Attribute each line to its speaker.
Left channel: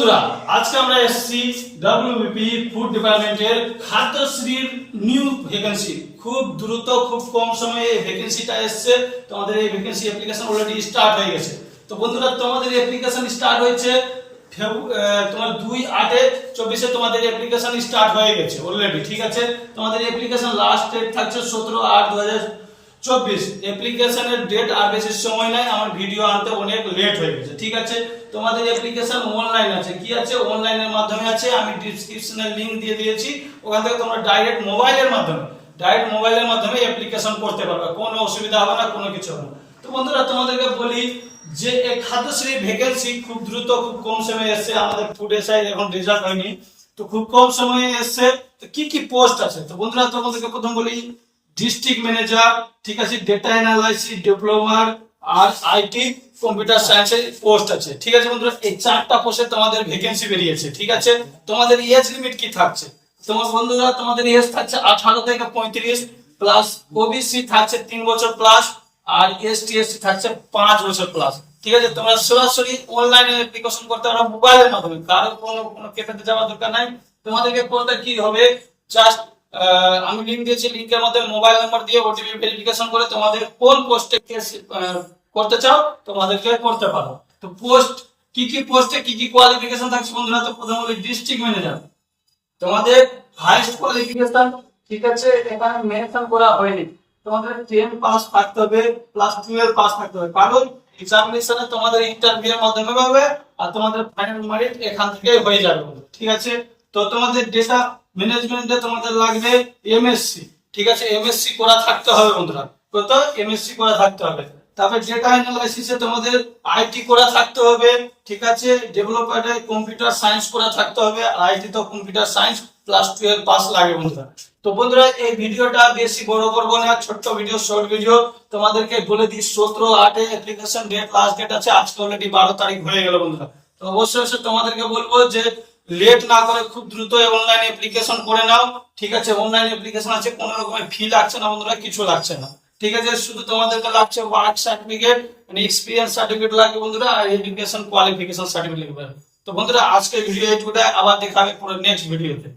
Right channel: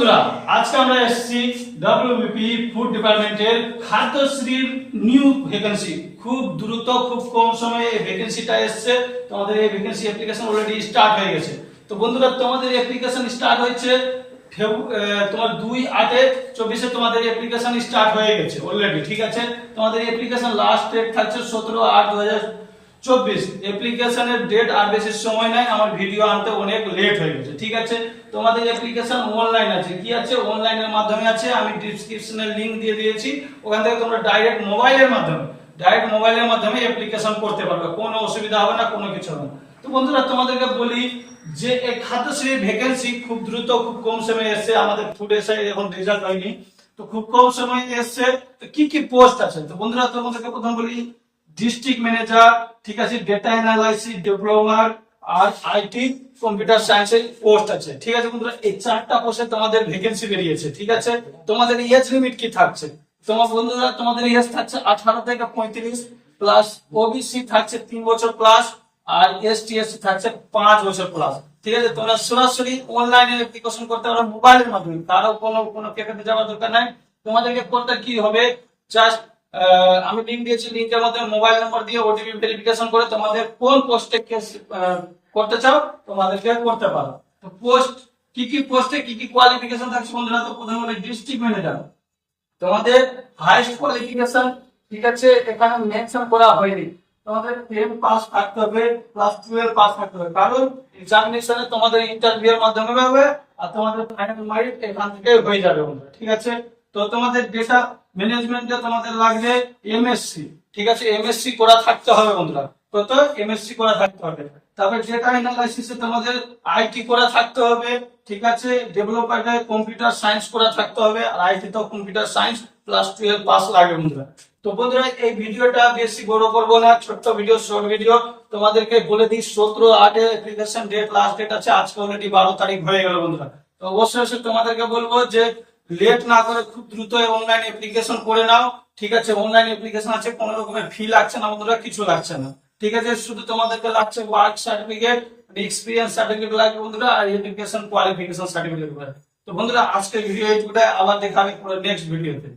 Speaker 1: বন্ধুরা, আজকে আমরা এসেছি ডাব্লিউবিপি ফুড ডিপার্টমেন্টের খাদ্যশ্রীর নিউ ভ্যাকেন্সি খুব দ্রুত, খুব কম সময়ে এই ভ্যাকেন্সিটা এসছে। তোমাদের এই ভ্যাকেন্সি অ্যাপ্লিকেশন অলরেডি স্টার্ট হয়ে গেছে। তো বন্ধুরা, তোমাদের অ্যাপ্লিকেশন স্টার্ট হয়েছে তোমার দুই আটে চব্বিশে তোমাদের অ্যাপ্লিকেশন স্টার্ট হয়ে গেছে অলরেডি ঠিক আছে? তোমাদের অ্যাপ্লিকেশন লাস্ট ডেট থাকছে সতেরো আট দু চব্বিশ। অ্যাপ্লিকেশনের ডেট আর বেশি সময় নাই, আমার ভিডিও আনতে অনেক লেট হয়ে গেছে, ঠিক আছে? তোমাদের অ্যাপ্লিকেশন অনলাইন আছে। কি আছে? অনলাইনের মাধ্যমে আছে, আমি ডিসক্রিপশনে লিংক দিয়ে দিয়েছি। ওখান থেকে তোমরা ডাইরেক্ট মোবাইলের মাধ্যমে ডাইরেক্ট মোবাইলের মাধ্যমে অ্যাপ্লিকেশন করতে পারবে। কোনো অসুবিধা হবে না, কোনো কিছু হবে না। তো বন্ধুরা, তোমাদেরকে বলি যে এই খাদ্যশ্রী ভ্যাকেন্সি খুব দ্রুত, খুব কম সময়ে এসছে। আমাদের ফুড এসআই এখন রেজাল্ট হয়নি। তো খুব কম সময়ে এসছে। তো কি কি পোস্ট আছে? তো বন্ধুরা, তোমাদেরকে প্রথম বলি ডিস্ট্রিক্ট ম্যানেজার ঠিক আছে ডেটা অ্যানালাইসিস ডেভেলপার আর আইটি কম্পিউটার সায়েন্সের পোস্ট আছে। ঠিক আছে বন্ধুরা, এই চারটা পোস্টে তোমাদের ভ্যাকেন্সি বেরিয়েছে, ঠিক আছে? তোমাদের এজ লিমিট কি থাকছে? তোমার বন্ধুরা, তোমাদের এজ থাকছে আঠারো থেকে পঁয়ত্রিশ প্লাস ওবিসি থাকছে তিন বছর প্লাস আর এসটি এসসি থাকছে পাঁচ বছর প্লাস ঠিক আছে, তোমরা সরাসরি অনলাইনে অ্যাপ্লিকেশন করতে পারো মোবাইলের মাধ্যমে। কারও কোনো কোনো ক্যাফেতে যাওয়ার দরকার নাই। তোমাদেরকে করতে কি হবে? জাস্ট আমি লিংক দিয়েছি লিংকের মাধ্যমে মোবাইল নাম্বার দিয়ে ওটিপি ভেরিফিকেশন করে তোমাদের কোন পোস্টে করতে চাও, তোমাদেরকে করতে পারো। তো পোস্ট কি কি পোস্টে কি কি কোয়ালিফিকেশন থাকছে বন্ধুরা, তো প্রথমে বলি ডিস্ট্রিক্ট ম্যানেজার তোমাদের হাইস্ট কোয়ালিফিকেশন ঠিক আছে, এখানে মেনশন করা হয়নি। তোমাদের টেন পাস থাকতে হবে প্লাস টুয়েলভ পাস থাকতে হবে। কারণ এক্সামিনেশনে তোমাদের ইন্টারভিউ এর মাধ্যমে হবে, আর তোমাদের ফাইনাল মেরিট এখান থেকে হয়ে যাবে ঠিক আছে? তো তোমাদের ডেটা ম্যানেজমেন্টে তোমাদের লাগবে এমএসসি ঠিক আছে? এমএসসি করা থাকতে হবে বন্ধুরা। কত? এমএসসি করা থাকতে হবে। তারপরে ডেটা অ্যানালাইসিসে তোমাদের আইটি করা থাকতে হবে। ঠিক আছে? ডেভেলপারে কম্পিউটার সায়েন্স করা থাকতে হবে। আর আইটি তো computer science plus twelve pass লাগে বন্ধুরা। তো বন্ধুরা, এই ভিডিওটা বেশি বড় করব না। ছোট্ট ভিডিও শর্ট ভিডিও তোমাদেরকে বলে দিই, সতেরো আটে অ্যাপ্লিকেশন ডেট লাস্ট ডেট আছে। আজকে অলরেডি বারো তারিখ হয়ে গেল বন্ধুরা। তো অবশ্যই তোমাদেরকে বলব যে লেট না করে খুব দ্রুত অনলাইন অ্যাপ্লিকেশন করে নাও। ঠিক আছে অনলাইন অ্যাপ্লিকেশন আছে, কোনো রকমের ফি লাগছে না বন্ধুরা, কিছু লাগছে না। ঠিক আছে, শুধু তোমাদেরকে লাগছে ওয়ার্ক সার্টিফিকেট মানে এক্সপিরিয়েন্স সার্টিফিকেট লাগে বন্ধুরা, আর এডুকেশন কোয়ালিফিকেশন সার্টিফিকেট লাগবে। তো বন্ধুরা আজকে ভিডিও এইটুকুটা আবার দেখাবে পুরো নেক্সট ভিডিওতে